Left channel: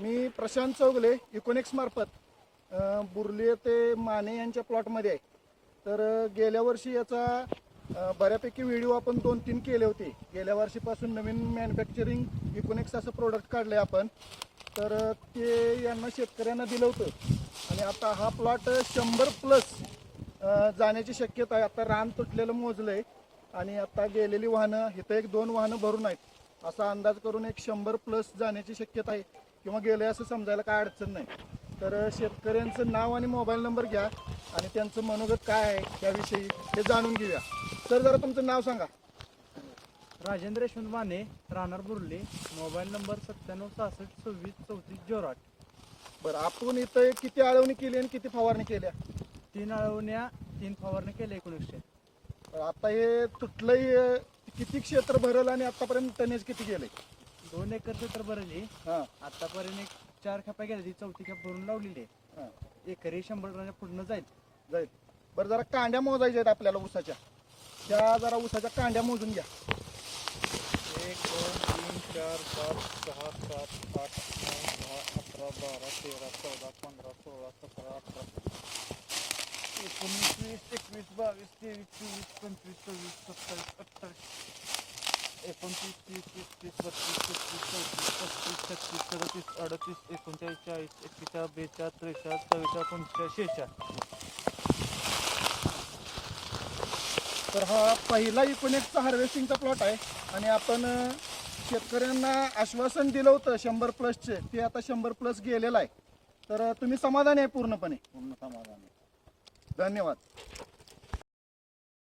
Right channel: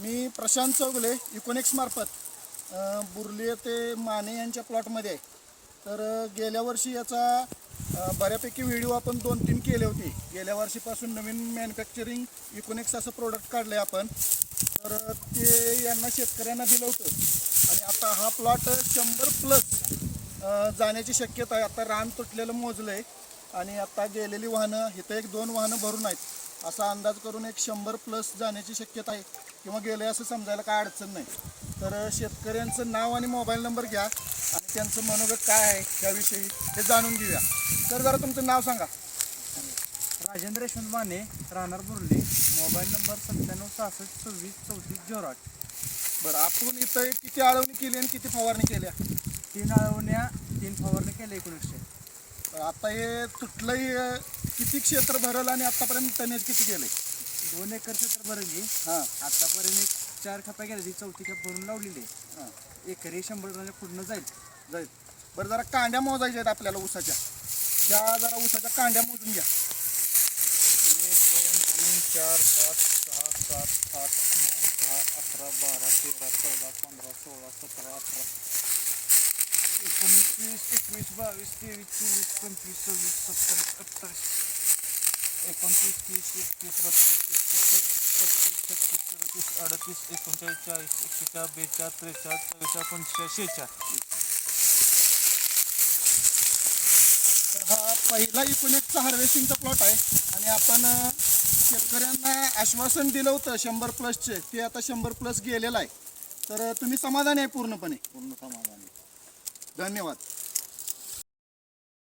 मी प्रशांत चौगले इकोनिक्स मार्फत बुर्ले ते माने यांच्या प्लॉटमध्ये आहे. तर गेल्या वर्षी याचा बऱ्यापैकी व्हिडिओ आपण 2-3 केले होते. गेल्या वर्षीपासून नवीन मॅन्युफॅक्चरिंग इकोनिक्स असं प्रोडक्ट काढलं आहे आपण. तर ते यांना शेतकऱ्यांना दिलं होतं आणि आता हा प्लॉट 100+ जाण्याची शक्यता आहे. आता रान तुटलेलं मोजलं आहे आणि आता गेलेली वाहनं इथं 1-2 वाहनं भरून आहेत असा अंदाज करून एक 100+ जाण्याची शक्यता आहे किंवा गेले असं समजायला काय अडचण नाही. तर शेतकऱ्यांचं नाव आणि मोबाईल नंबर घ्या आणि त्यांचं मनोगत काय आहे त्याविषयी हे जाणून घेऊया. तर जरा तुमचं नाव सांगा. राजेंद्र यशवंत माने, राहणार बुर्ले, मोबाईल नंबर 9766263408. बरं, आपण इथं किती आळवणी केली आणि किती फवारणी केल्या? 3 आळवण्या 3 फवारणी केल्या 1900. आता हे तुटलंही किती क्षेत्र भरलं आणि आतापर्यंत टनेज किती गेले? 2 एकर क्षेत्र भरली. हां आतापर्यंत एक 4 खपा गेल्या, ती 4थी खप भरून लावलेली आहे. हां एकरी 100 टनाच्या पुढनं जाईल. जाईल. बरं, जरा कांड्या मोजायच्या आहेत आपल्याला ऊसाच्या. त्या जरा ऊसाच्या कांड्या मोजून घ्या. 1 2 3 4 5 6 7 8 9 10 11 12 13 14 15 16 17 18 19 20 21 22 23 24 25 26 27 28 29 30 31 32 33 34 35 36 37 38 39 40 41 42 43 44 45 तर हा पहिला इकोनिक्सचा हार्वेस्टिंगचा प्लॉट आहे आणि आपण शेतकऱ्यांना आश्वासन दिलं होतं 100+चे, ते आता 100+ गेलेलं आहे. तर तुम्ही समाधानी आहे पूर्णपणे? पूर्ण समाधानी. धन्यवाद.